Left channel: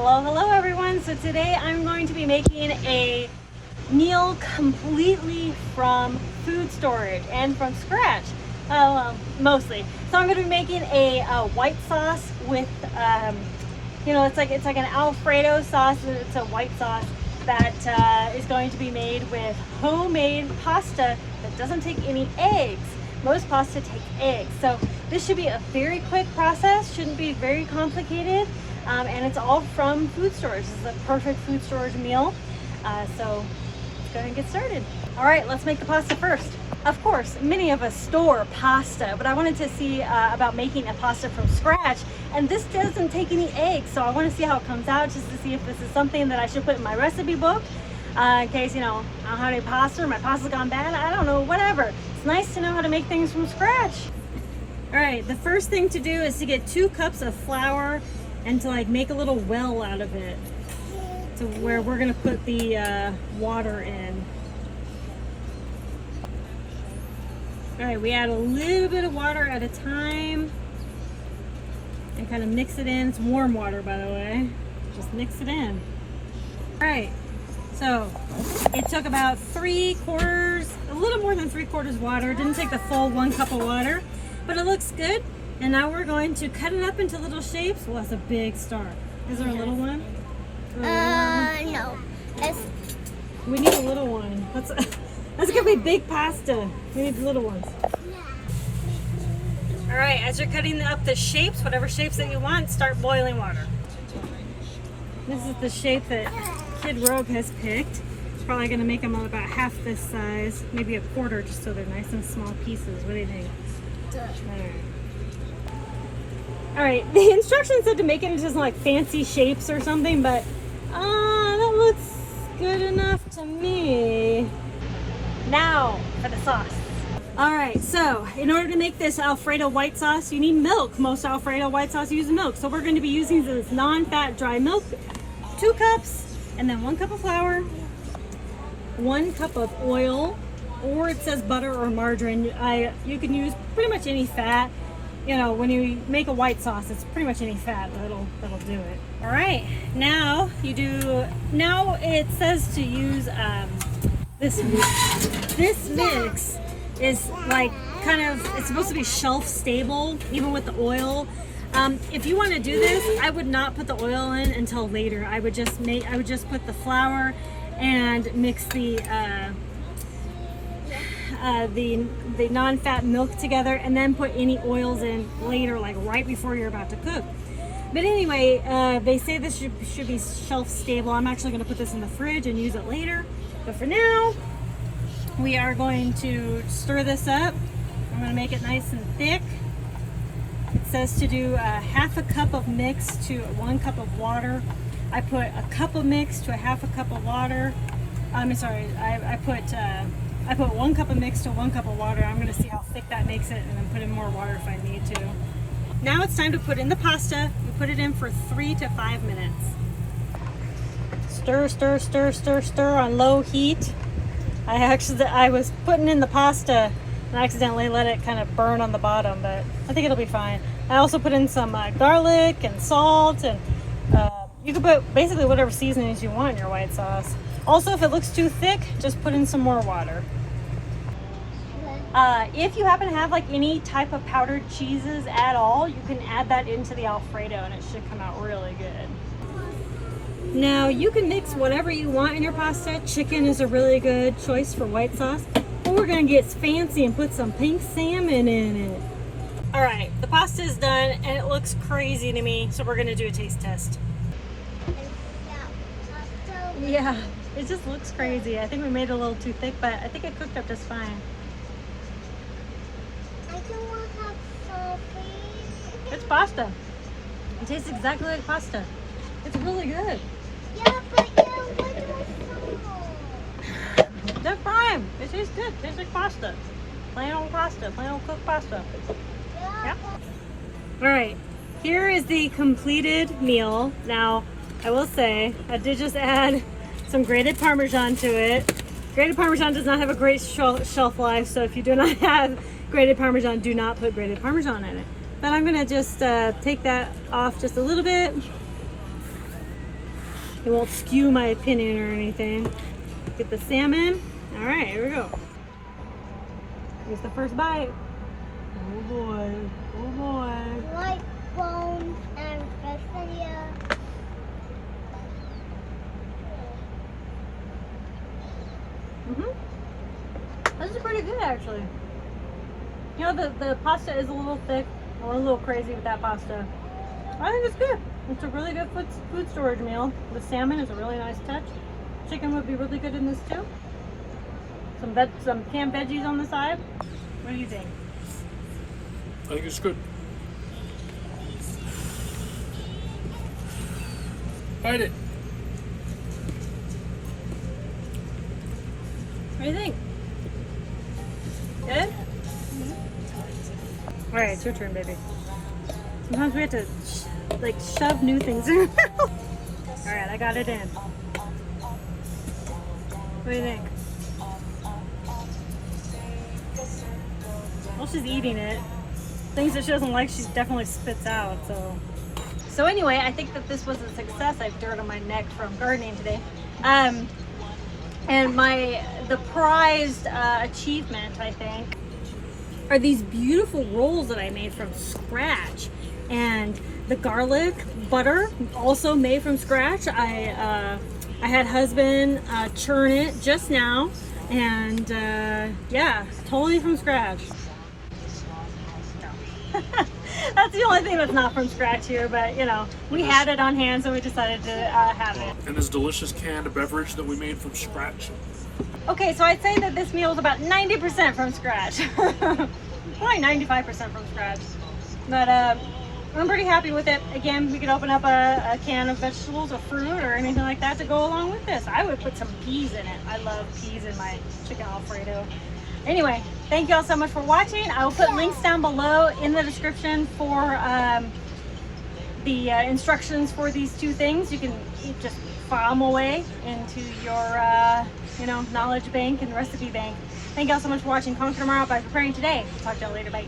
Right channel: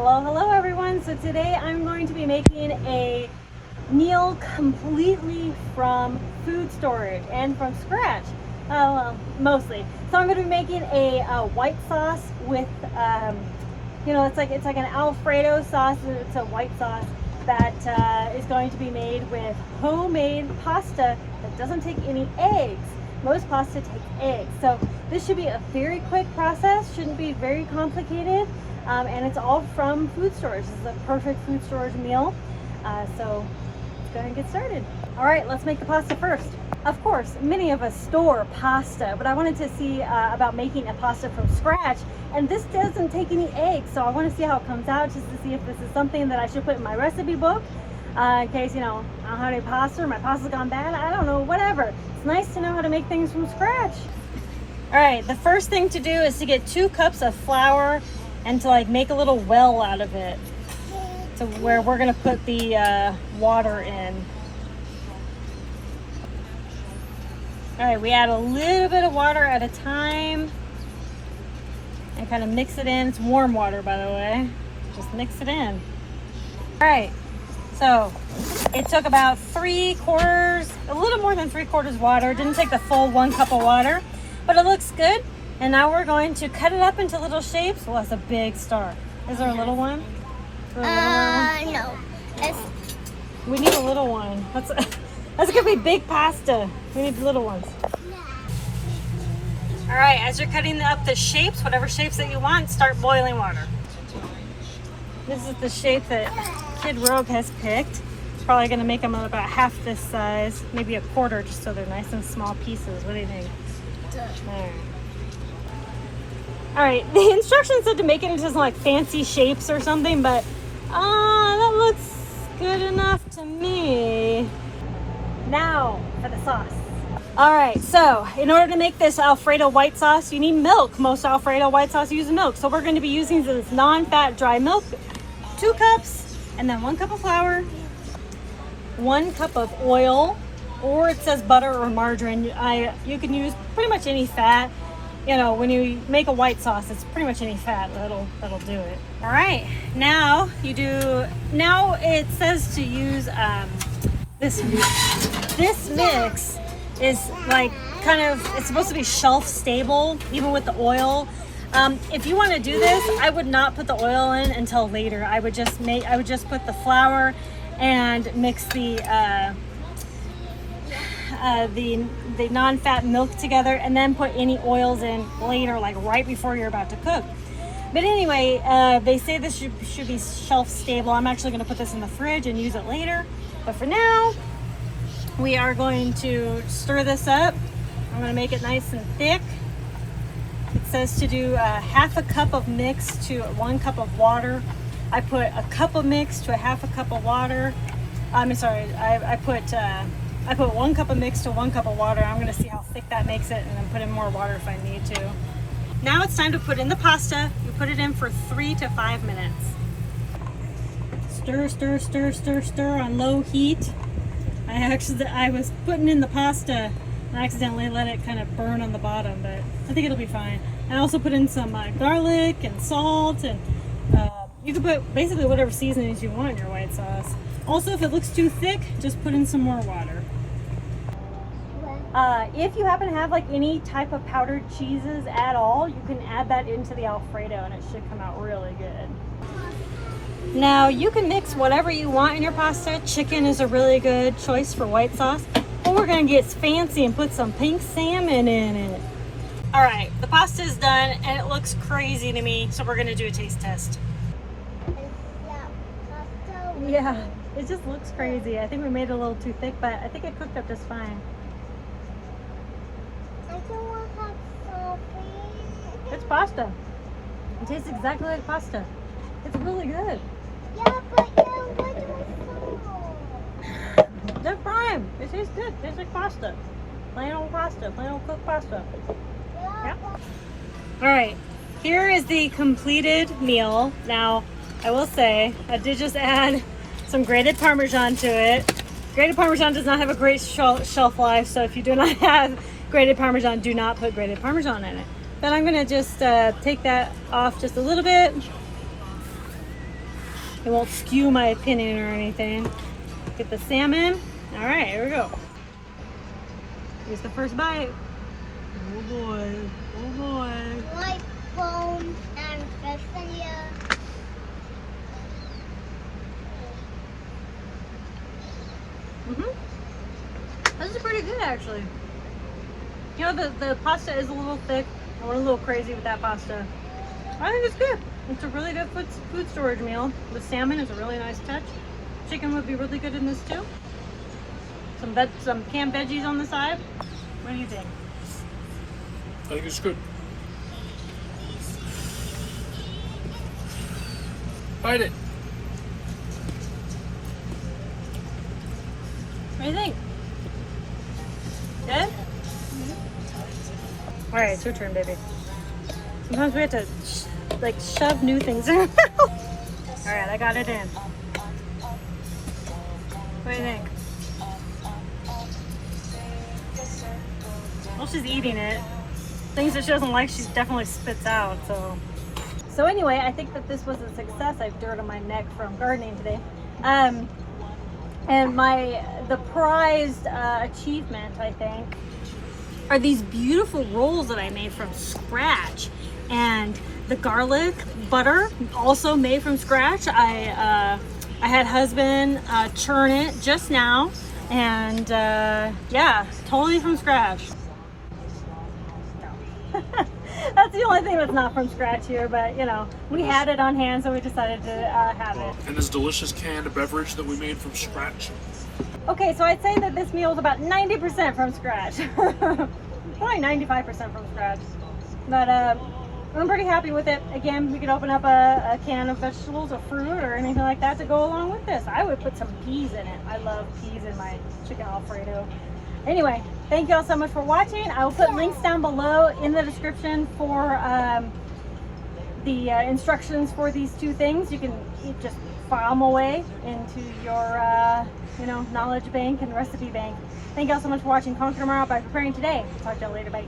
Hello everyone. So today I'm going to be making a meal completely from food storage and from scratch, mostly. So I'm going to be making a white sauce with, it's like an Alfredo sauce. It's a white sauce that is going to be made with homemade pasta that doesn't take any eggs. Most pasta take eggs, so this should be a very quick process. Shouldn't be very complicated. And it's all from food storage. This is a perfect food storage meal. So let's go ahead and get started. All right, let's make the pasta first. Of course, many of us store pasta, but I wanted to see about making a pasta from scratch. And this doesn't take any eggs, so I want to see how it comes out, just to see if this is something that I should put in my recipe book. In case, I don't have any pasta, or my pasta's gone bad, I don't know, whatever. It's nice to know how to make things from scratch. All right, the first thing to do is to get 2 cups of flour and to make a little well out of it, to where we're gonna put the water in. All right, we add a little bit of water at a time and kind of mix it in. It's warm water, by the way. Just mix it in. All right, so it took about 3/4, a little more than 3/4 water. It didn't take the full 1 cup of water, but it looks good. And now we're going to cut it up into little shapes. Well, that's a big star. Is there a little one? No. We need a little one. That's gonna be big pasta. We need the little ones. All right, as you're cutting up the shapes, whatever shapes that you want, start boiling water. This is the shape that Kid Rogue has picked. Probably gonna make them about half this size, maybe a quarter, just so they're nice and small pieces. What do you think? There. All right, the instructions said to make it into some fancy shapes or something, but that looks good enough to me. Now for the sauce. All right, so in order to make this Alfredo white sauce, you need milk. Most Alfredo white sauce use milk, so we're going to be using this non-fat dry milk, 2 cups, and then 1 cup of flour, 1 cup of oil, or it says butter or margarine. You can use pretty much any fat. When you make a white sauce, it's pretty much any fat that'll do it. All right, now it says to use this mix. This mix is it's supposed to be shelf stable, even with the oil. If you want to do this, I would not put the oil in until later. I would just put the flour and mix the non-fat milk together, and then put any oils in later, right before you're about to cook. But anyway, they say this should be shelf stable. I'm actually going to put this in the fridge and use it later. But for now, we are going to stir this up. I'm going to make it nice and thick. It says to do 1/2 cup of mix to 1 cup of water. I put a cup of mix to 1/2 cup of water. I'm sorry, I put 1 cup of mix to 1 cup of water. I'm going to see how thick that makes it, and then put in more water if I need to. Now it's time to put in the pasta. You put it in for 3 to 5 minutes. Stir, stir, stir, stir, stir on low heat. I was putting in the pasta and I accidentally let it kind of burn on the bottom, but I think it'll be fine. I also put in some garlic and salt, and you can put basically whatever seasonings you want in your white sauce. Also, if it looks too thick, just put in some more water. If you happen to have any type of powdered cheeses at all, you can add that into the Alfredo and it should come out really good. Now you can mix whatever you want in your pasta. Chicken is a really good choice for white sauce. But we're gonna get fancy and put some pink salmon in it. All right, the pasta is done and it looks crazy to me, so we're gonna do a taste test. Yeah, it just looks crazy. I think we made it a little too thick, but I think it cooked up just fine. It's pasta. It tastes exactly like pasta. It's really good. Yeah, but what was They're fine. It tastes good. It tastes like pasta. Plain old pasta. Plain old cooked pasta. Yeah. All right. Here is the completed meal. Now, I will say, I did just add some grated Parmesan to it. Grated Parmesan does not have a great shelf life, so if you do not have grated Parmesan, do not put grated Parmesan in it. But I'm gonna just take that off just a little bit. it won't skew my opinion or anything. Get the salmon. All right, here we go. Here's the first bite. Oh boy, oh boy. Like bone and tortilla. This is pretty good actually. You know, the pasta is a little thick. I went a little crazy with that pasta. I think it's good. It's a really good food storage meal. The salmon is a really nice touch. Chicken would be really good in this too. Some canned veggies on the side. What do you think? I think it's good. Bite it. What do you think? Good? All right, it's your turn, baby. Sometimes we have to like shove new things in our mouth. All right, I got it in. What do you think? Well, she's eating it. Things that she doesn't like, she definitely spits out. So anyway, I think that this was a success. I have dirt on my neck from gardening today. And the prized achievement, I think, are these beautiful rolls that I made from scratch. And the garlic butter, also made from scratch. I had husband churn it just now, and yeah, totally from scratch. No. That's the only thing that's not from scratch here, but you know, we had it on hand, so we decided to have it. And this delicious canned beverage that we made from scratch. Okay, so I'd say that this meal is about 90% from scratch. Probably 95% from scratch. But I'm pretty happy with it. Again, we could open up a can of vegetables or fruit or anything like that to go along with this. I would put some peas in it. I love peas in my chicken Alfredo. Anyway, thank you all so much for watching. I will put links down below in the description for the instructions for these two things. You can just file them away into your knowledge bank and recipe bank. Thank you all so much for watching. Conquer tomorrow by preparing today. Talk to y'all later. Bye.